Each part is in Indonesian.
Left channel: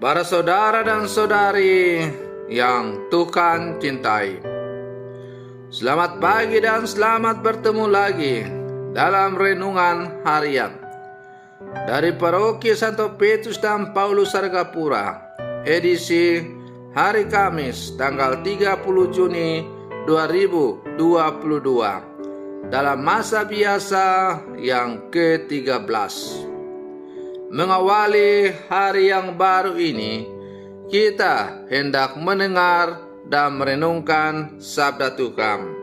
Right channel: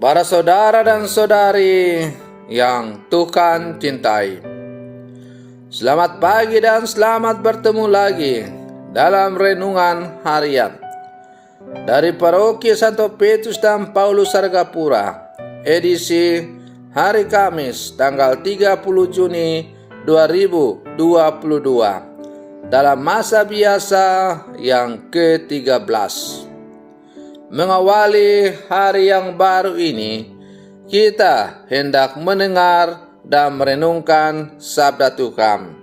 Para saudara dan saudari yang Tuhan cintai, selamat pagi dan selamat bertemu lagi dalam renungan harian dari Paroki Santo Petrus dan Paulus Sargapura, edisi hari Kamis tanggal 30 Juni 2022, dalam masa biasa yang ke-13. Mengawali hari yang baru ini, kita hendak mendengar dan merenungkan sabda Tuhan.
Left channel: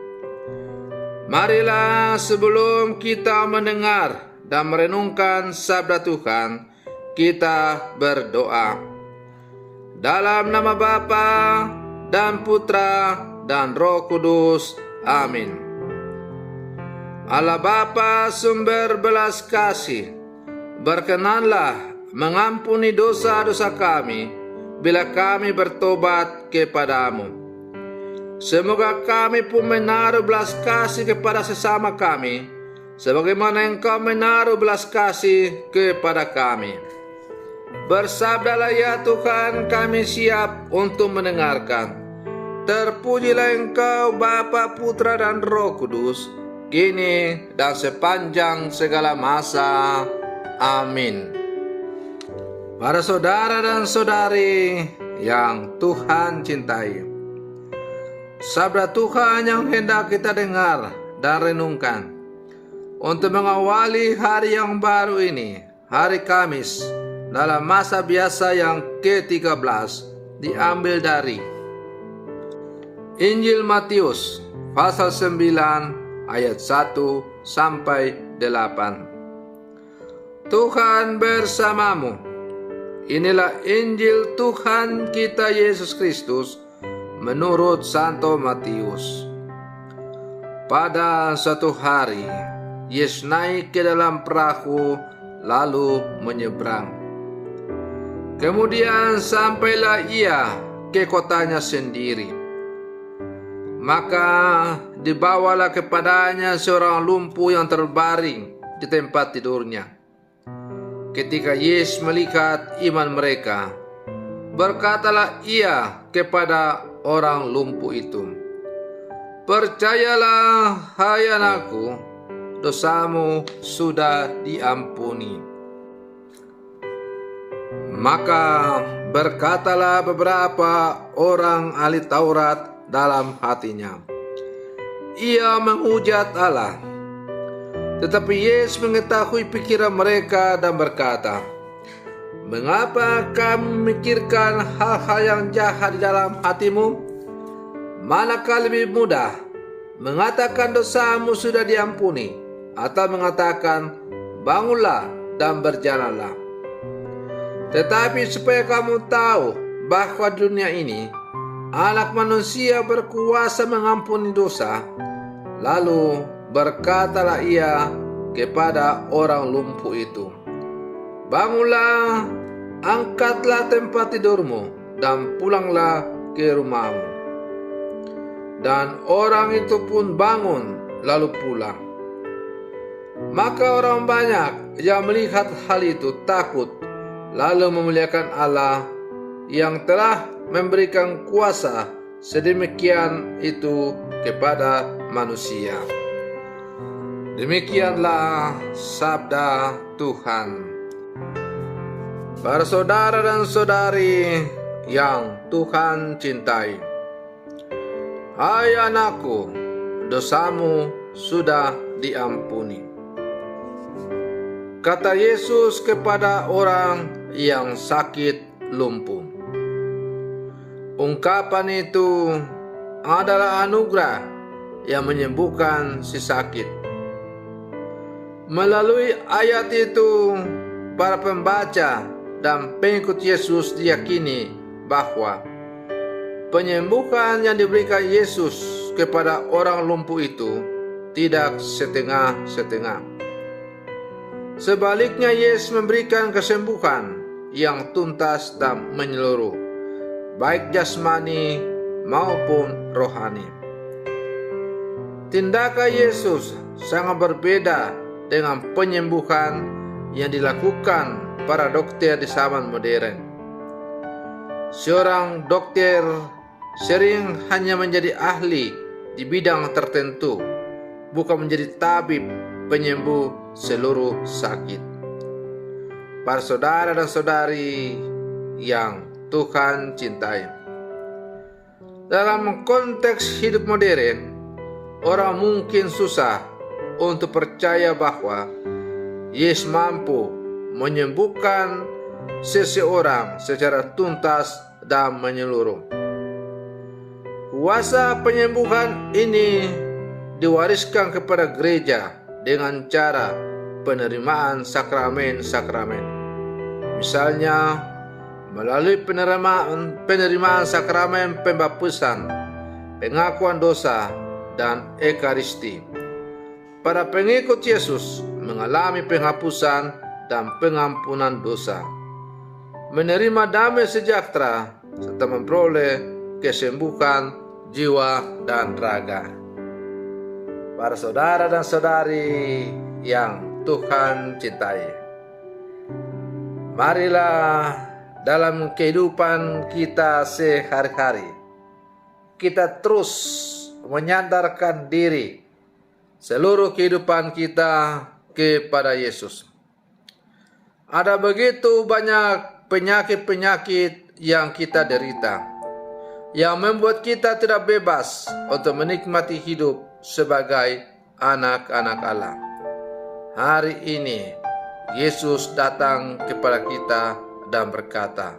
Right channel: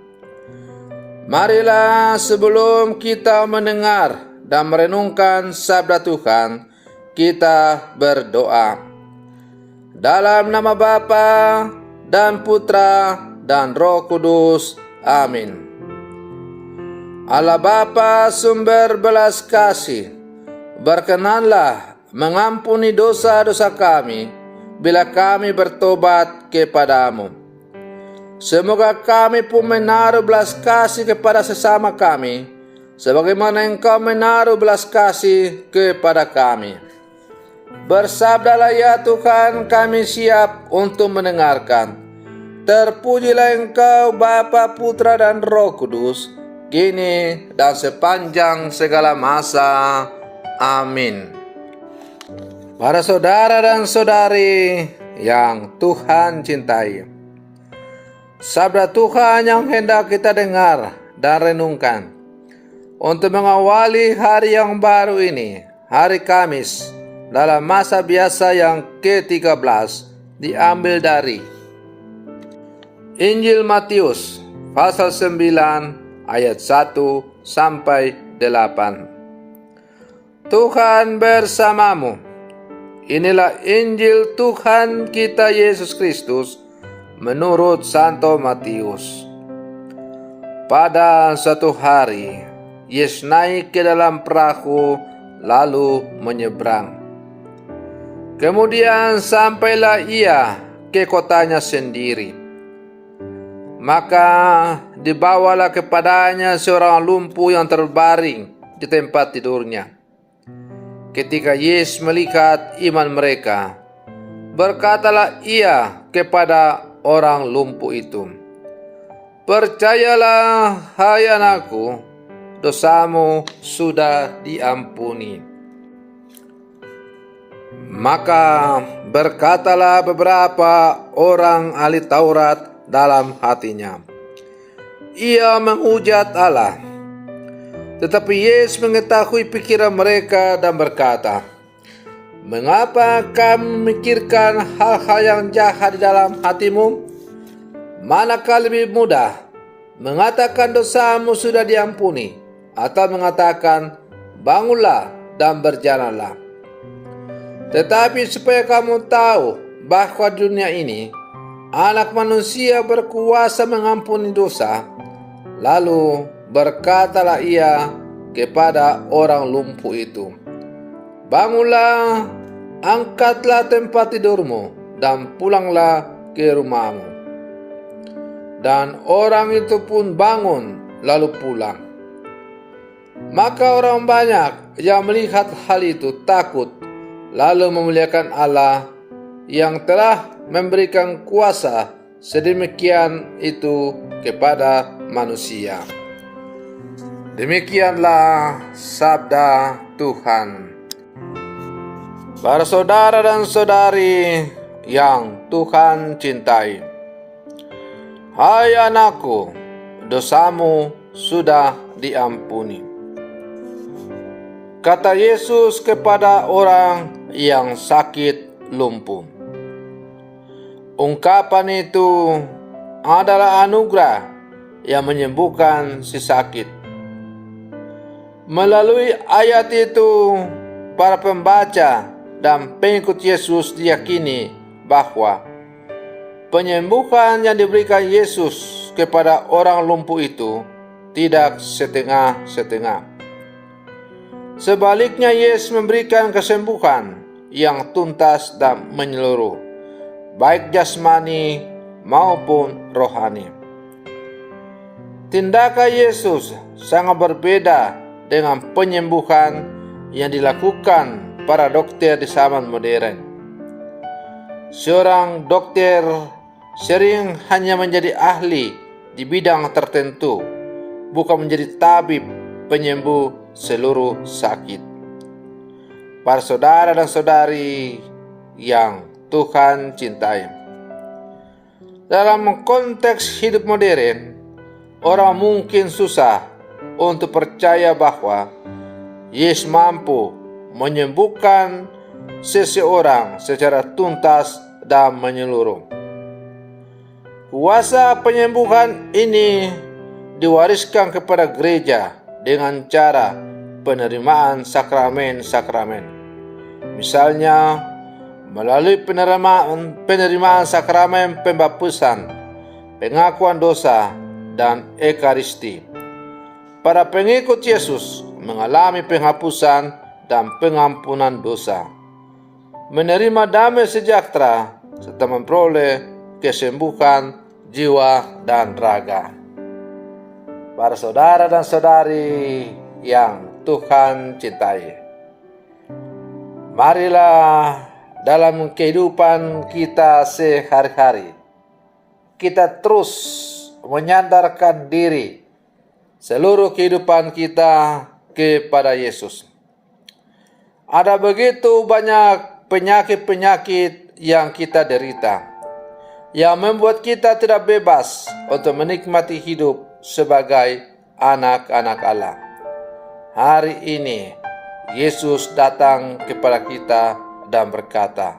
Marilah sebelum kita mendengar dan merenungkan sabda Tuhan, kita berdoa. Dalam nama Bapa dan Putra dan Roh Kudus. Amin. Allah Bapa sumber belas kasih, berkenanlah mengampuni dosa-dosa kami bila kami bertobat kepadamu. Semoga kami pun menaruh belas kasih kepada sesama kami, sebagaimana Engkau menaruh belas kasih kepada kami. Bersabdalah ya Tuhan, kami siap untuk mendengarkan. Terpujilah Engkau Bapa, Putra dan Roh Kudus, kini dan sepanjang segala masa. Amin. Para saudara dan saudari yang Tuhan cintai, sabda Tuhan yang hendak kita dengar dan renungkan untuk mengawali hari yang baru ini, hari Kamis, dalam masa biasa yang ke-13, diambil dari Injil Matius pasal 9 ayat 1 sampai 8. Tuhan bersamamu. Inilah Injil Tuhan kita Yesus Kristus menurut Santo Matius. Pada suatu hari, Yesus naik ke dalam perahu lalu menyeberang. Kemudian sampailah ia ke kotanya sendiri. Maka dibawalah kepadanya seorang lumpuh yang terbaring di tempat tidurnya. Ketika Yesus melihat iman mereka, berkatalah ia kepada orang lumpuh itu, "Percayalah, hai anakku, dosamu sudah diampuni." Maka berkatalah beberapa orang ahli Taurat dalam hatinya, "Ia menghujat Allah." Tetapi Yesus mengetahui pikiran mereka dan berkata, "Mengapa kamu memikirkan hal-hal yang jahat di dalam hatimu? Manakah lebih mudah, mengatakan dosamu sudah diampuni, atau mengatakan bangunlah dan berjalanlah? Tetapi supaya kamu tahu bahwa di dunia ini Anak Manusia berkuasa mengampuni dosa." Lalu berkatalah ia kepada orang lumpuh itu, "Bangunlah, angkatlah tempat tidurmu, dan pulanglah ke rumahmu." Dan orang itu pun bangun lalu pulang. Maka orang banyak yang melihat hal itu takut, lalu memuliakan Allah yang telah memberikan kuasa sedemikian itu kepada manusia. Demikianlah sabda Tuhan. Para saudara dan saudari yang Tuhan cintai, hai anakku, dosamu sudah diampuni. Kata Yesus kepada orang yang sakit lumpuh. Ungkapan itu adalah anugerah yang menyembuhkan si sakit. Melalui ayat itu, para pembaca dan pengikut Yesus diyakini bahwa penyembuhan yang diberikan Yesus kepada orang lumpuh itu tidak setengah-setengah. Sebaliknya, Yesus memberikan kesembuhan yang tuntas dan menyeluruh, baik jasmani maupun rohani. Tindakan Yesus sangat berbeda dengan penyembuhan yang dilakukan para dokter di zaman modern. Seorang dokter sering hanya menjadi ahli di bidang tertentu, bukan menjadi tabib penyembuh seluruh sakit. Para saudara dan saudari yang Tuhan cintai, dalam konteks hidup modern, orang mungkin susah untuk percaya bahwa Yesus mampu menyembuhkan seseorang secara tuntas dan menyeluruh. Kuasa penyembuhan ini diwariskan kepada gereja dengan cara penerimaan sakramen-sakramen. Misalnya, melalui penerimaan sakramen pembaptisan, pengakuan dosa, dan ekaristi. Para pengikut Yesus mengalami penghapusan dan pengampunan dosa, menerima damai sejahtera, serta memperoleh kesembuhan jiwa dan raga. Para saudara dan saudari yang Tuhan cintai, marilah dalam kehidupan kita sehari-hari kita terus menyandarkan diri seluruh kehidupan kita kepada Yesus. Ada begitu banyak penyakit-penyakit yang kita derita, yang membuat kita tidak bebas untuk menikmati hidup sebagai anak-anak Allah. Hari ini Yesus datang kepada kita dan berkata,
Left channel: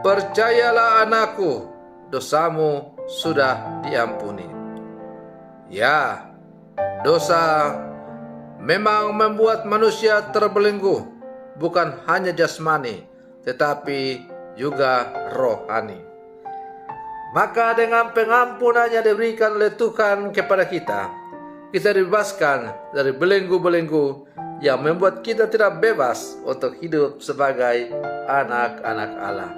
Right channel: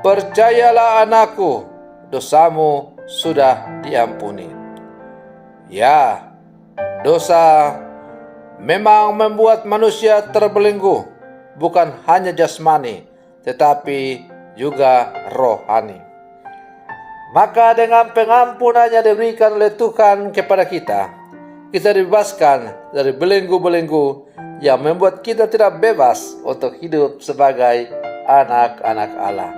"Percayalah anakku, dosamu sudah diampuni." Ya, dosa memang membuat manusia terbelenggu, bukan hanya jasmani, tetapi juga rohani. Maka dengan pengampunannya diberikan oleh Tuhan kepada kita dibebaskan dari belenggu-belenggu yang membuat kita tidak bebas untuk hidup sebagai anak-anak Allah.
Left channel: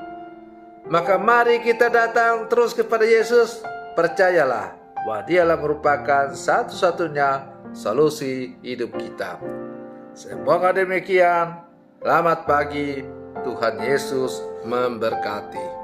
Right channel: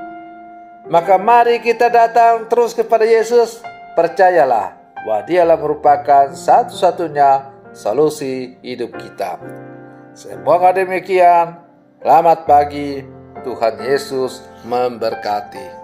Maka mari kita datang terus kepada Yesus, percayalah bahwa Dialah merupakan satu-satunya solusi hidup kita. Semoga demikian. Selamat pagi, Tuhan Yesus memberkati.